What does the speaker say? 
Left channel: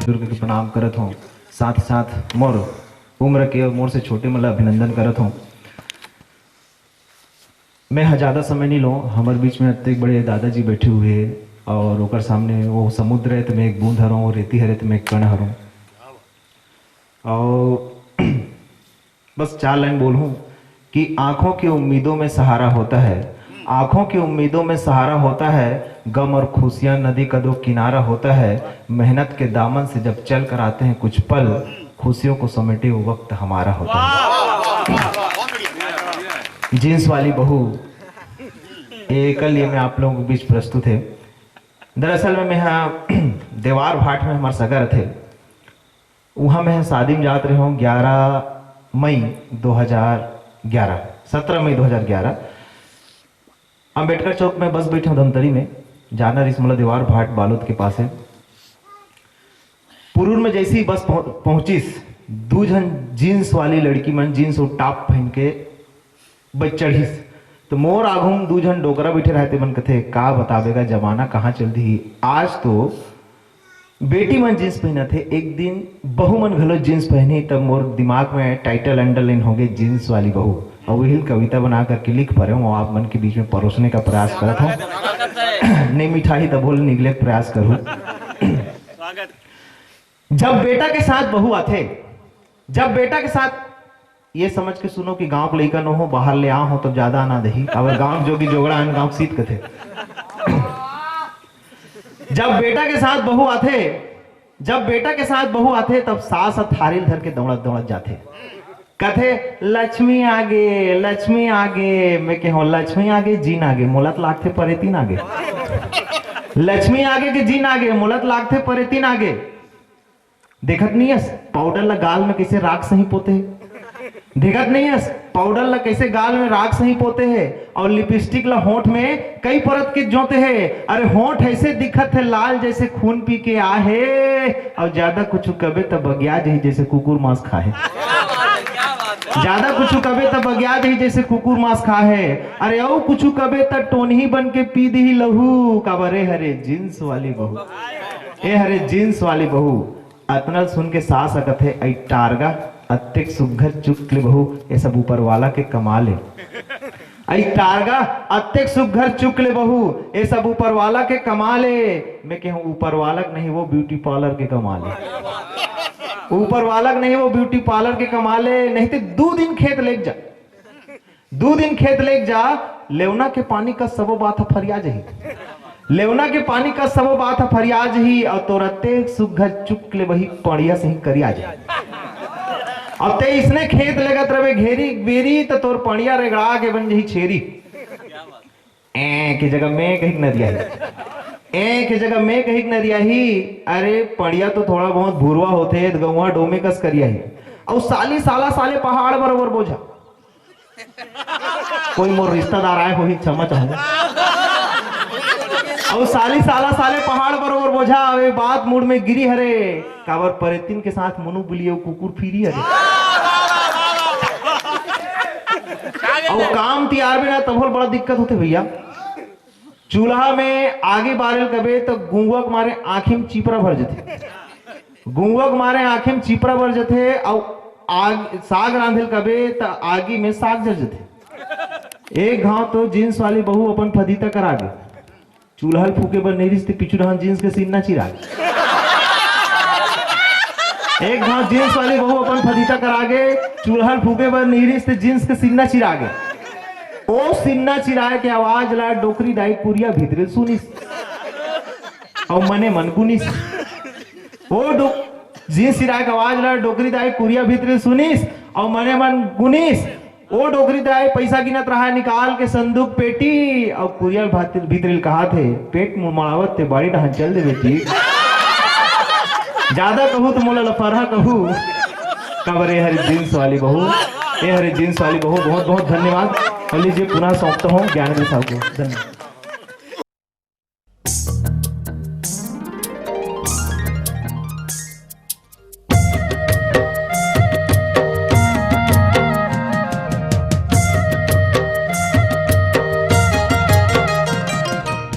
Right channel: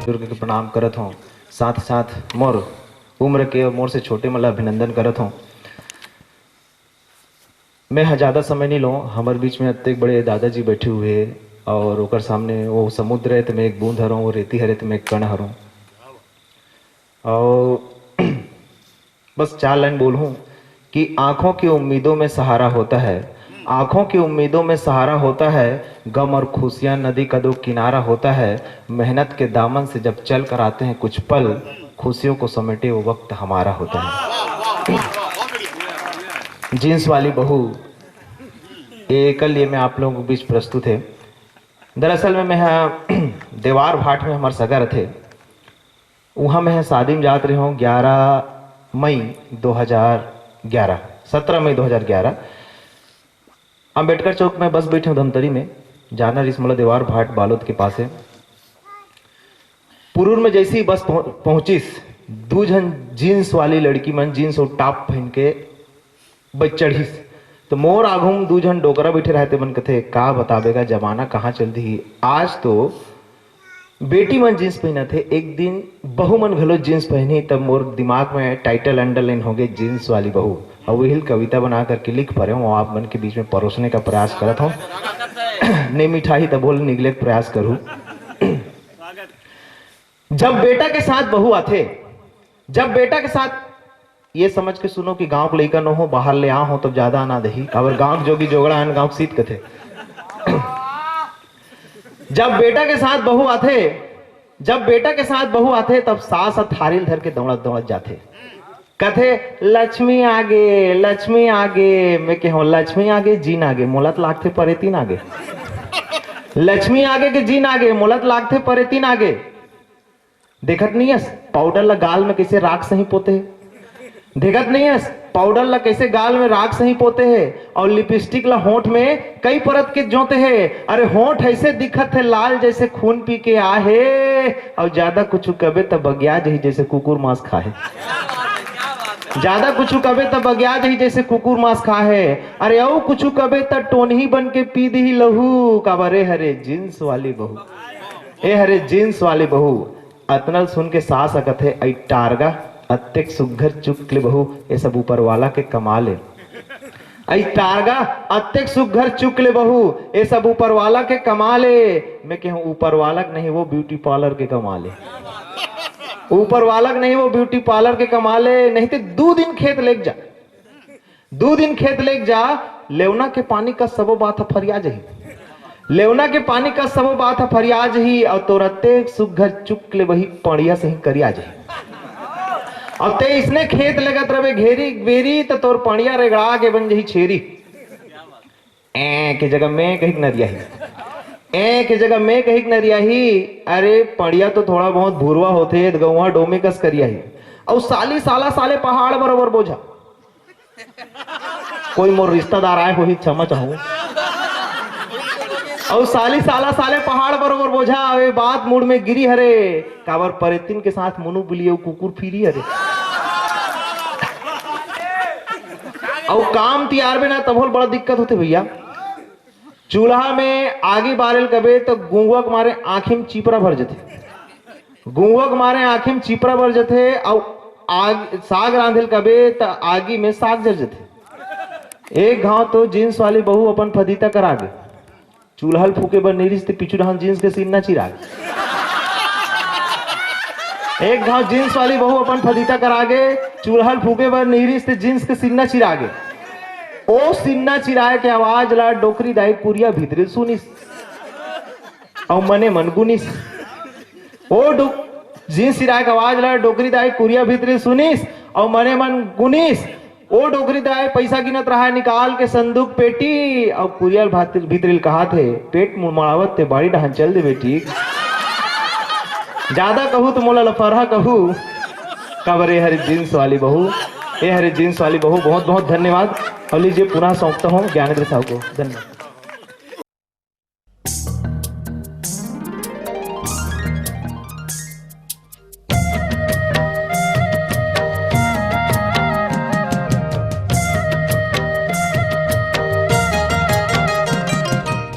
बुजुर्ग के प्रणाम करत हूँ। साथ साथ मोर उम्र के और मोर से छोटे मतलब अभिनंदन करत हूँ। मैं ज़्यादा समय नहीं लूँ। हमारे बीच में इतने बड़े दादाजी बैठे हुए हैं और ओकर सामने वो समुद्र है तो मैं एक बूंद हरूँ, वो रेती हरे तो मैं एक कण हरूँ। और बस 4 लाइन बोलूँ कि आंखों की उम्मीदों में सहारा होता है, आंखों की उम्मीदों में सहारा होता है, गम और खुशियां नदी का दो किनारा होता है। मेहनत के दामन से जब चल कर आते हैं कुछ पल, खुशियों को समेटे वो वक्त हमारा होता है। जींस वाली बहू ये कल ये मैं आप लोगों के बीच प्रस्तुत है। दरअसल में मैं देवार भाट में हमारे सगर थे, वहाँ मैं शादी में जात रहे हूँ 11 मई 2011, 17 मई 2011 अम्बेडकर चौक में बस बैठे हूँ धमतरी में, जाना रिसमला देवार भाट बालोद के पास है। पुरूर में जैसी ही बस पहुंचीस, 2 जन जीन्स वाली लड़की मन जीन्स और टॉप पहन के बच चढ़ीस, तो मोर आघूम 2 जन डोकरा बैठे रहते मन कथे का बतावेगा जमाना कहाँ चल दी। आज तो बेटी मन जींस पहना थे, एक दिन बहू मन घलो जींस पहनी, तब मोर दिमाग में टाइटल अंडरलाइन हो गए जींस वाली बहू, और वही कविता बना करके लिख पा रहे हूँ, आप मन के बीच में परोसने का प्रयास करता हूँ। ने मिठाई तो बोल निगले प्रयास करूँ। जब बेटा के साथ बहू आते, जब बेटा के साथ ये समझ के सुनो कि गांव के लड़का न हो, बाहर ले आओ हो तो ज्यादा आना दही, अगर गांव जोगी जोगड़ा है गांव सीत कथे। जब बेटा के साथ बहू आते, जब बेटा के साथ बहू आते, तब सास थारील धर के दौड़त दौड़त जाते, कथे लक्ष्मी आगे, लक्ष्मी आगे। मैं कहूँ लक्ष्मी आगे जीन आगे, मोलत लागते परे 3 आगे। लक्ष्मी आगे के जीन आगे, मोलत लागते परे 3 आगे। देखत नहीं है पाउडर ला गाल में कैसे राख सही पोते है, देखत नहीं है पाउडर ला कैसे गाल में राख सही पोते है, और लिपस्टिक ला होंठ में कई परत के जोते है। अरे होंठ ऐसे दिखत है लाल जैसे खून पी के आहे, और ज्यादा कुछ कबे तब बगिया जही जैसे कुकुर मांस खाए, ज्यादा कुछ कबे तब बगिया जही जैसे कुकुर मांस खाए। अरे औ कुछ कबे तब टोनही बन के पी दी लहू, काबरे हरे जींस वाली बहू, ए हरे जींस वाली बहू। अतनल सुन के सास अकत है आई टारगा अत्यक सुघर चुकले बहू, ये सब ऊपर वाला के कमाल है। आई टारगा अत्यक सुघर चुकले बहू, ये सब ऊपर वाला के कमाल है। मैं कहूँ ऊपर वाला नहीं वो ब्यूटी पार्लर के कमाल है, ऊपर वाला नहीं वो ब्यूटी पार्लर के कमाल है। नहीं तो 2 दिन खेत लेक जा, 2 दिन खेत लेक जा, लेवना के पानी का सबो बात फरियाज ही, लेवना के पानी का सबो बात फरियाज ही, और तोरते सुघर चुकले वही पड़िया से ही करिया जाए। अब ते इसने खेत लगत रहे घेरी बेरी, तो तोर पड़िया रेगड़ा के बन जही छेरी। ए के जगह में कहीं नदिया ही, ए के जगह में कहीं नदिया ही। अरे पड़िया तो थोड़ा बहुत भूरवा होते, गौवा डोमिकस करिया ही, और साली साला साले पहाड़ बरोबर बोझा। कोई मोर रिश्तेदार आए हो ही क्षमा चाहूंगा, और साली साला साले पहाड़ बरोबर बोझा। अबे बात मूड में गिरी हरे, काबर परेतिन के साथ मुनु बुलियो कुकुर फिरी हरे, और काम तैयार में ना तब बड़ा दिक्कत होते भैया। चूल्हा में आगे बारेल कबे तो गुंगवा के मारे आँखिम चिपरा भर जथे, गुंगवा के मारे आँखिम चिपरा भर जथे, और आग साग रांधेल कबे तो आगी में साग जर जथे। एक घाव तो जींस वाली बहू अपन फदीता करा गए, चूल्हा फूके बर नहीं पिछू रहा जींस के सीना चिरा। एक घाव जींस वाली बहू अपन फदीता करा गए, चूल्हा फूके बर नहीं जींस के सीना चिरा गए। ओ सीना चिराए के आवाज ला डोकरी दाई पुरिया भीतरे सुनिस, और मने मन गुनिस। ओ जींस चिराए के आवाज ला डोकरी दाई पुरिया भीतरे सुनिस, और मने मन गुनिस। ओ डोकरी दाई पैसा गिनत रहा निकाल के संदूक पेटी, और कुरियल भीतरिल कहा थे पेट मुड़मावत थे बाड़ी डहन चल दे बेटी। ज्यादा कहूँ तो मोला लफरहा कहूँ, कबरे हरे जींस वाली बहू, ए हरे जींस वाली बहू। बहुत बहुत धन्यवाद। और लीजिए पुनः सौंपता हूँ ज्ञानेंद्र साहब को, धन्यवाद।